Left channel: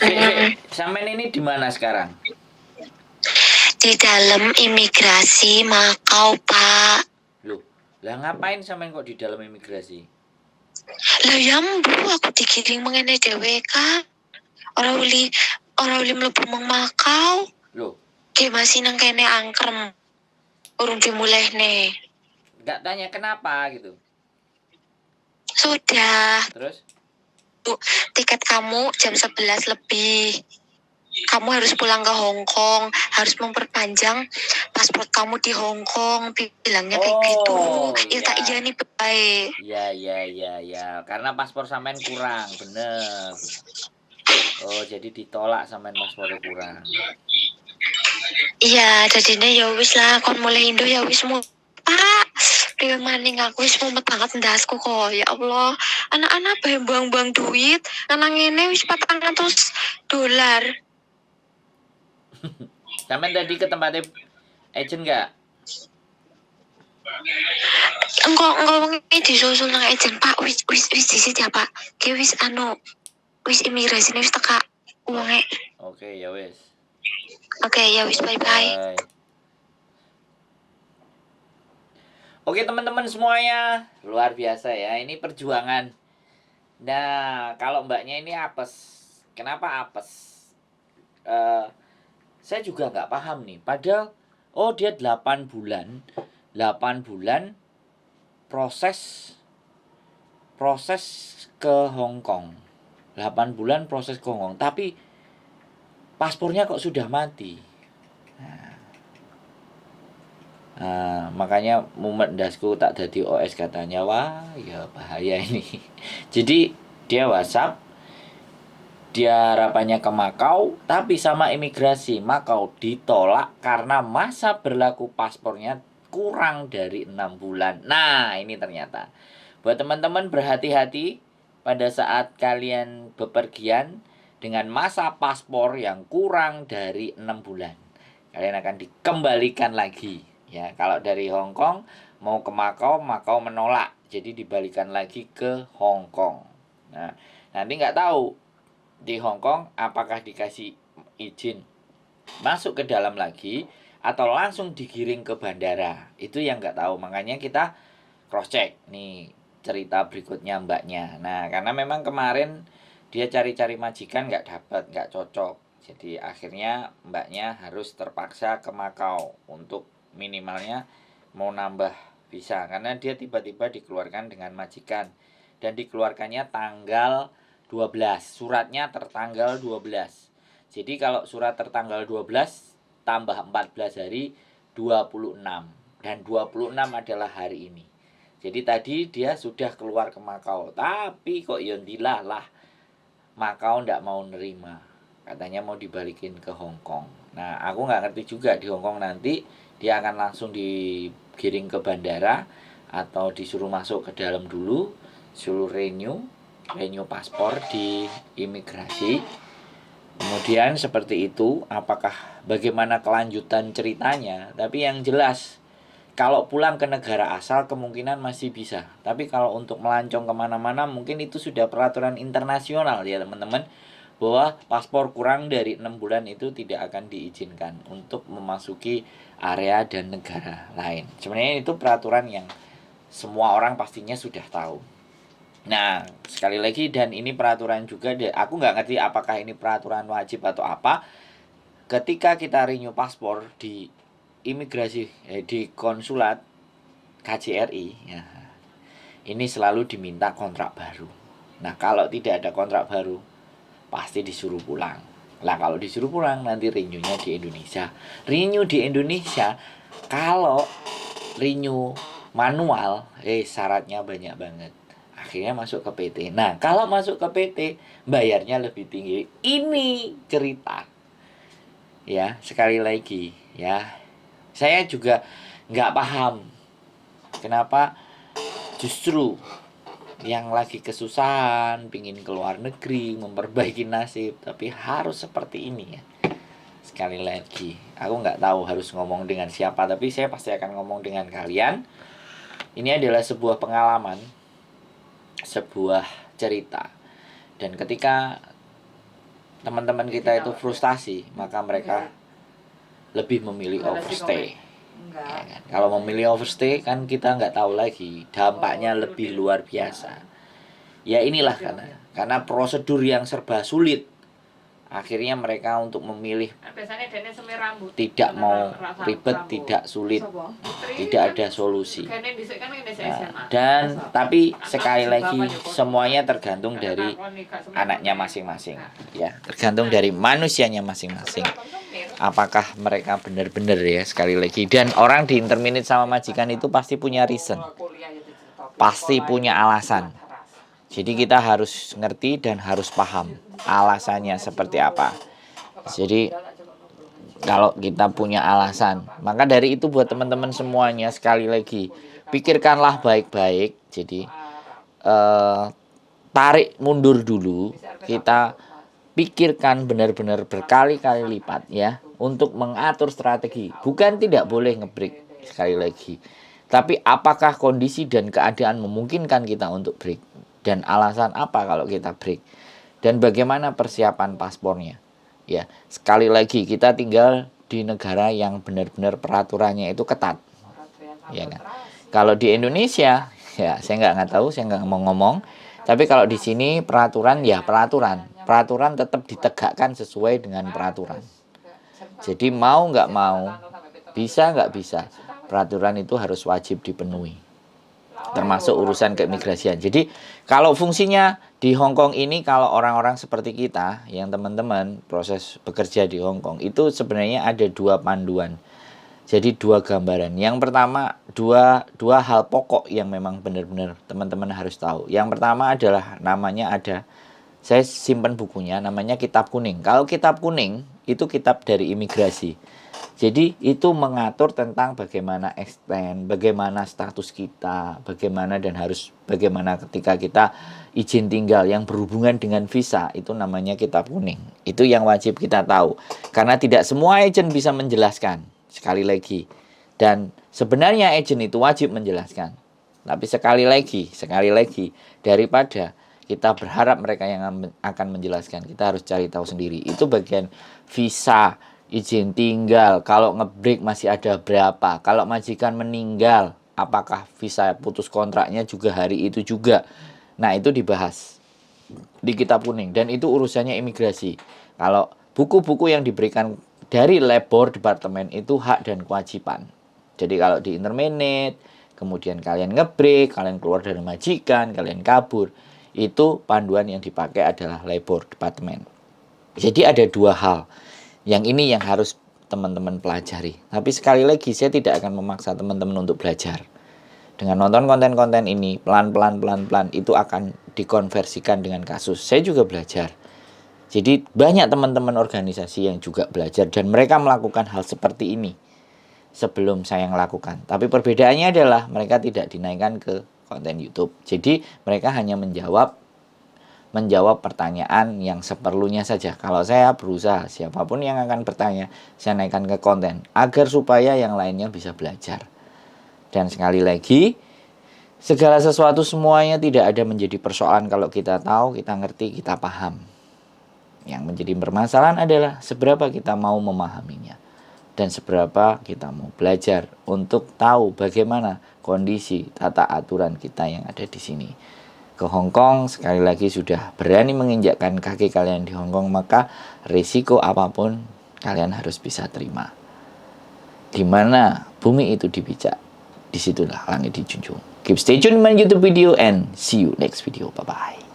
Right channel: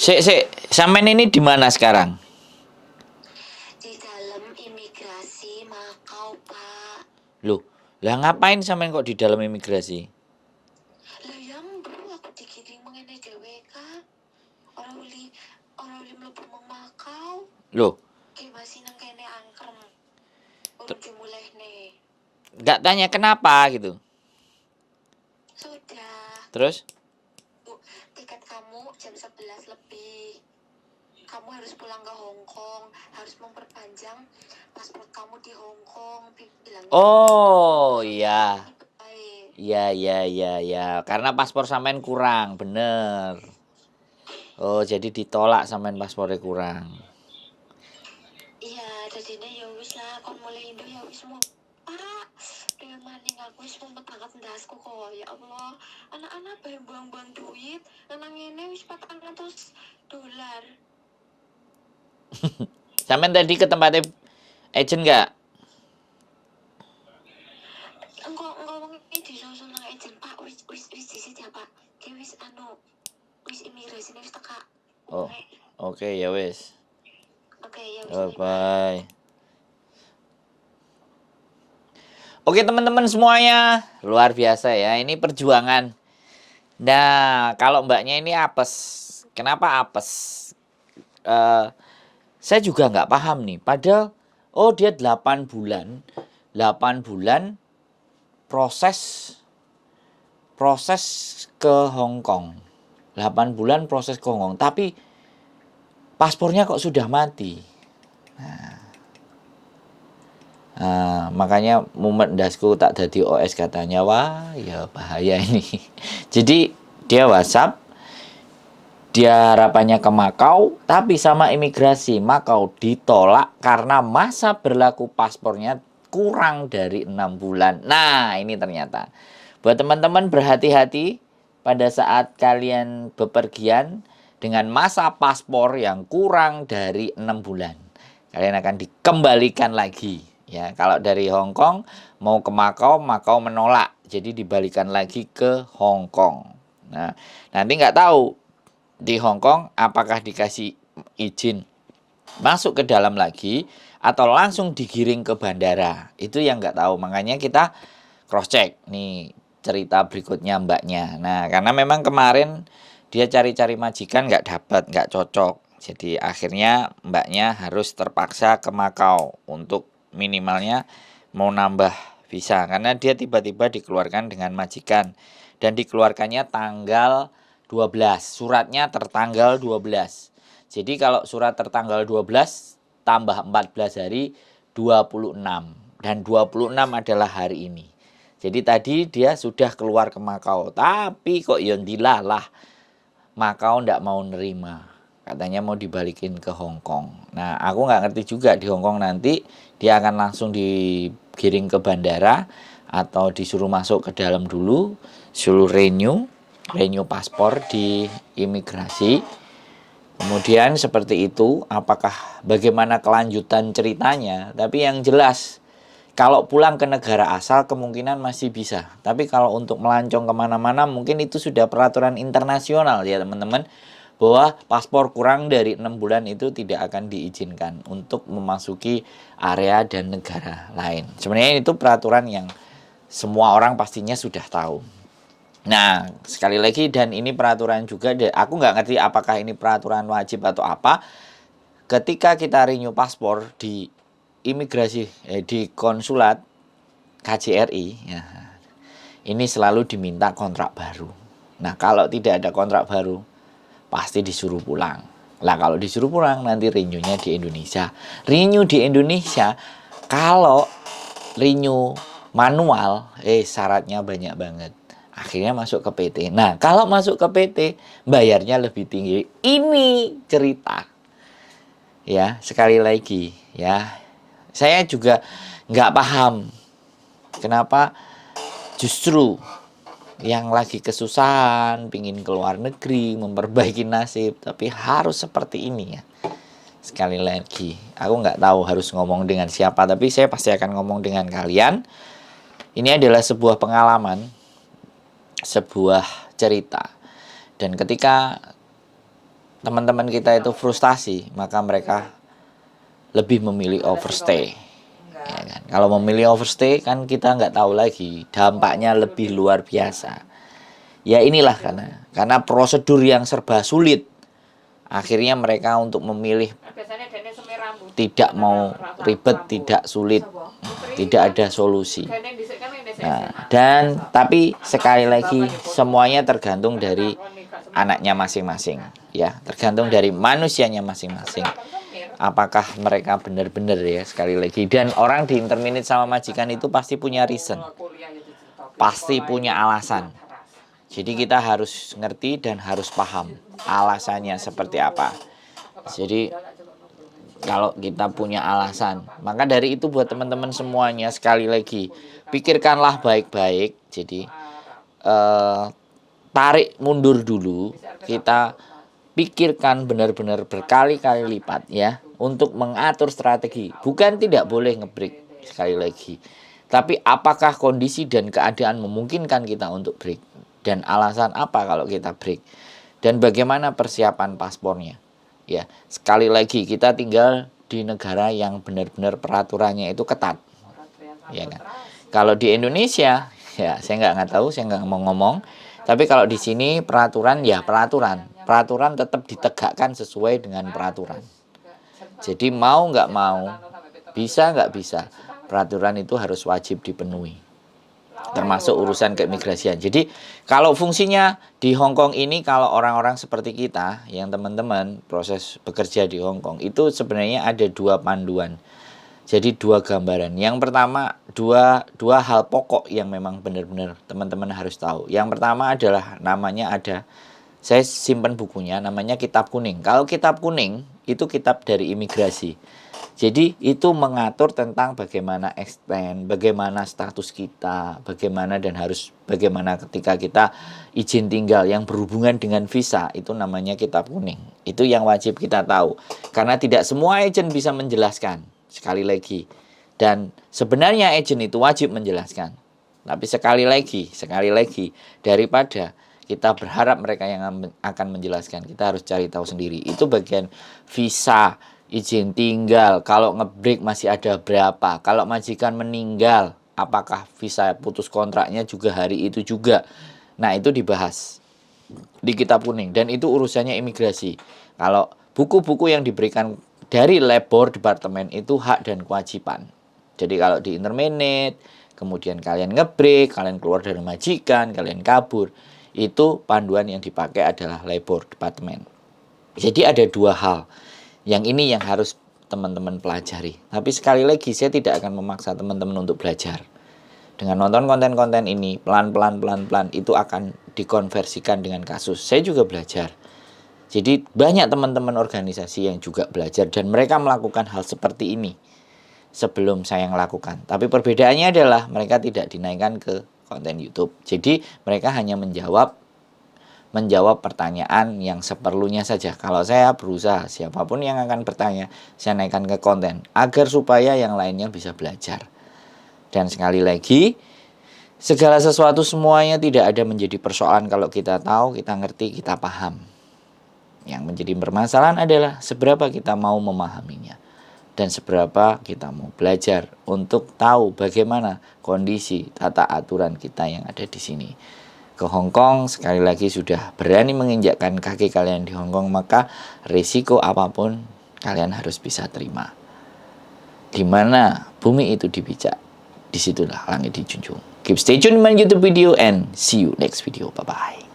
Mm-mm. Sampean ini di mana sekarang? Di dalam imigrasi Makau, Pak. Loh, lah ngapain sampean kok di dalam imigrasi? Lah ya mbu aku digiring mengene dhewe Kak. Ora uli mlebu meng Makau. Loh, Ki masih nang kene angkrem. Urung dimulehne. nggak tanya kenapa gitu. Sudah. Terus? Bu, tiket kamu jam 11 lebih. Kamu harus pulang ke Hong Kong, harus memperpanjang paspor kamu di Hong Kong, bilangnya kayak gitu. Oh, Ya tak iya iya. nih baik. Iya. Karena paspor sampean kurang, bener. Oh, jadi ditolak sampean paspornya kurang. Iya, jadinya ya wis lah, kon mulai Indo ya wis mu. Pak, dewe maning aku wis mumet banget ndasku kok. Ya Allah, anak-anak bayang buang-buang duit, karena ngene wis $400. Sampean tadi ke tempatnya agent nggak? Engko wengi disusul nang ejen Pak, wis disit ya Pak. Ki wis wis imigrasi wis teka Oh, uangnya. oke ya wes. Oke, ya wis bye-bye. Bye. Oke teman-teman semuanya, luar biasa ya. Ini perjuangan. Nah, kalau mbaknya ini apes. Kenapa apes? Saya juga nggak paham nih. Padahal, oh dia 8 bulan. 8 bulan proses ke Hong Kong. 8 bulan proses ke Hong Kong. Tapi paspornya kok sudah mati. Makanya mumet dasku tak jadi OS katanya. Wah ya bahaya ini. Jadi dia WhatsApp, dia harapannya ke Makau, tapi sama imigrasi Makau ditolak karena masa berlaku paspornya kurang dari 6 bulan. Nah ini ternyata buat teman-teman berhati-hati pada saat kalian bepergian dengan masa paspor yang kurang dari 6 bulan. Kalian akan dikembalikan lagi. Ya, kalau dari Hong Kong mau ke Makau, Makau menolak. Jadi dibalikan lagi ke Hong Kong. Nah, nanti nggak tahu di Hong Kong apakah dikasih izin masuk ke dalam lagi atau langsung digiring ke bandara. Itu yang nggak tahu. Makanya kita cross check nih cerita berikutnya mbaknya. Nah, karena memang kemarin dia cari-cari majikan nggak dapat, nggak cocok. Jadi akhirnya mbaknya harus terpaksa ke Makau untuk minimalnya mau nambah visa. Karena dia tiba-tiba dikeluarkan dengan majikan. Dan dikeluarkannya tanggal 12. Suratnya tertanggal 12. Jadi kalau surat tertanggal 12 tambah 14 hari 26. Dan 26 adalah hari ini. Jadi tadi dia sudah keluar ke Makau. Tapi kok yondilah lah Makau ndak mau nerima. Katanya mau dibalikin ke Hong Kong. Nah aku nggak ngerti juga di Hong Kong nanti dia akan langsung digiring ke bandara atau disuruh masuk ke dalam dulu, suruh renew paspor di imigrasi. Kemudian seperti itu, apakah bagaimana kelanjutan ceritanya? Tapi yang jelas, kalau pulang ke negara asal kemungkinan masih bisa. Tapi kalau untuk melancong kemana-mana mungkin itu sudah peraturan internasional ya teman-teman. Bahwa paspor kurang dari 6 bulan itu tidak akan diizinkan untuk memasuki area dan negara lain. Sebenarnya itu peraturan yang semua orang pastinya sudah tahu. Nah, sekali lagi dan ini peraturan juga, aku nggak ngerti apakah ini peraturan wajib atau apa. Ketika kita renew paspor di imigrasi, di konsulat KJRI, ya, ini selalu diminta kontrak baru. Nah, kalau tidak ada kontrak baru, pasti disuruh pulang. Lah kalau disuruh pulang nanti renew-nya di Indonesia. Renew di Indonesia, kalau renew manual, syaratnya banyak banget. Akhirnya masuk ke PT. Nah, kalau masuk ke PT, bayarnya lebih tinggi. Ini cerita. Ya, sekali lagi, ya. Saya juga nggak paham kenapa justru yang lagi kesusahan, pingin keluar negeri, memperbaiki nasib, tapi harus seperti ini ya. Sekali lagi, aku nggak tahu harus ngomong dengan siapa, tapi saya pasti akan ngomong dengan kalian. Ini adalah sebuah pengalaman, sebuah cerita. Dan ketika teman-teman kita itu frustasi, maka mereka lebih memilih overstay. Ya kan? Kalau memilih overstay kan kita nggak tahu lagi, dampaknya lebih luar biasa. Ya inilah karena prosedur yang serba sulit. Akhirnya mereka untuk memilih tidak mau ribet, tidak sulit, tidak ada solusi. Nah, dan tapi sekali lagi semuanya tergantung dari anaknya masing-masing, ya, tergantung dari manusianya masing-masing. Apakah mereka benar-benar ya sekali lagi. Dan orang di interminate sama majikan itu pasti punya reason, pasti punya alasan. Jadi kita harus ngerti dan harus paham alasannya seperti apa. Jadi kalau kita punya alasan, maka dari itu buat teman-teman semuanya sekali lagi pikirkanlah baik-baik. Jadi tarik mundur dulu, kita pikirkan benar-benar berkali-kali lipat ya untuk mengatur strategi. Bukan tidak boleh ngebreak sekali lagi, tapi apakah kondisi dan keadaan memungkinkan kita untuk break? Dan alasan apa kalau kita break? Dan bagaimana persiapan paspornya? Ya, sekali lagi kita tinggal di negara yang benar-benar peraturannya itu ketat. Ya kan? Kalau di Indonesia, ya saya nggak tahu, saya nggak mau ngomong. Tapi kalau di sini peraturan ya peraturan. Peraturan tetap ditegakkan sesuai dengan peraturan. Jadi mau nggak mau, bisa nggak bisa, peraturan itu harus wajib dipenuhi. Termasuk urusan keimigrasian. Jadi kalau fungsinya di Hong Kong ini, kalau orang-orang seperti kita yang teman-teman proses bekerja di Hong Kong itu sebenarnya ada dua panduan. Jadi dua gambaran. Yang pertama dua hal pokok yang memang benar-benar teman-teman harus tahu. Yang pertama adalah namanya ada, saya simpan bukunya, namanya Kitab Kuning. Kalau Kitab Kuning itu kitab dari imigrasi. Jadi itu mengatur tentang bagaimana extend, bagaimana status kita, bagaimana dan harus bagaimana ketika kita izin tinggal yang berhubungan dengan visa, itu namanya Kitab Kuning. Itu yang wajib kita tahu. Karena tidak semua agen bisa menjelaskan, sekali lagi. Dan sebenarnya agen itu wajib menjelaskan. Tapi sekali lagi, daripada kita berharap mereka yang akan menjelaskan, kita harus cari tahu sendiri. Itu bagian visa, izin tinggal, kalau ngebreak masih ada berapa, kalau majikan meninggal, apakah visa putus kontraknya juga hari itu juga. Nah itu dibahas di Kitab Kuning dan itu urusannya imigrasi. Kalau buku-buku yang diberikan dari labor departemen itu hak dan kewajiban. Jadi kalau di interminate, kemudian kalian ngebreak, kalian keluar dari majikan, kalian kabur, itu panduan yang dipakai adalah labor departemen. Jadi ada dua hal. Yang ini yang harus teman-teman pelajari. Tapi sekali lagi saya tidak akan memaksa teman-teman untuk belajar. Dengan nonton konten-konten ini, pelan-pelan itu akan dikonversikan dengan kasus. Saya juga belajar. Jadi banyak teman-teman organisasi yang juga belajar dan mereka melakukan hal seperti ini sebelum saya melakukan. Tapi perbedaannya adalah mereka tidak dinaikkan ke konten YouTube. Jadi mereka hanya menjawab pertanyaan yang seperlunya saja. Kalau saya berusaha, siapapun yang akan bertanya, saya naikkan ke konten agar supaya yang lainnya bisa belajar. Dan sekali lagi, segala sesuatu semuanya tidak ada menjadi persoalan kalau kita tahu, kita ngerti, kita paham. Yang menjadi permasalahan adalah seberapa kita mau memahaminya dan seberapa kita mau belajar untuk tahu bagaimana kondisi tata aturan kita yang ada di sini. Ke Hong Kong sekali lagi sudah berani menginjakkan kaki kalian di Hong Kong, maka risiko apapun kalian harus bisa terima. Di mana bumi itu dipijak, disitulah langit dijunjung. Keep stay tuned in my YouTube video and see you next video. Bye bye.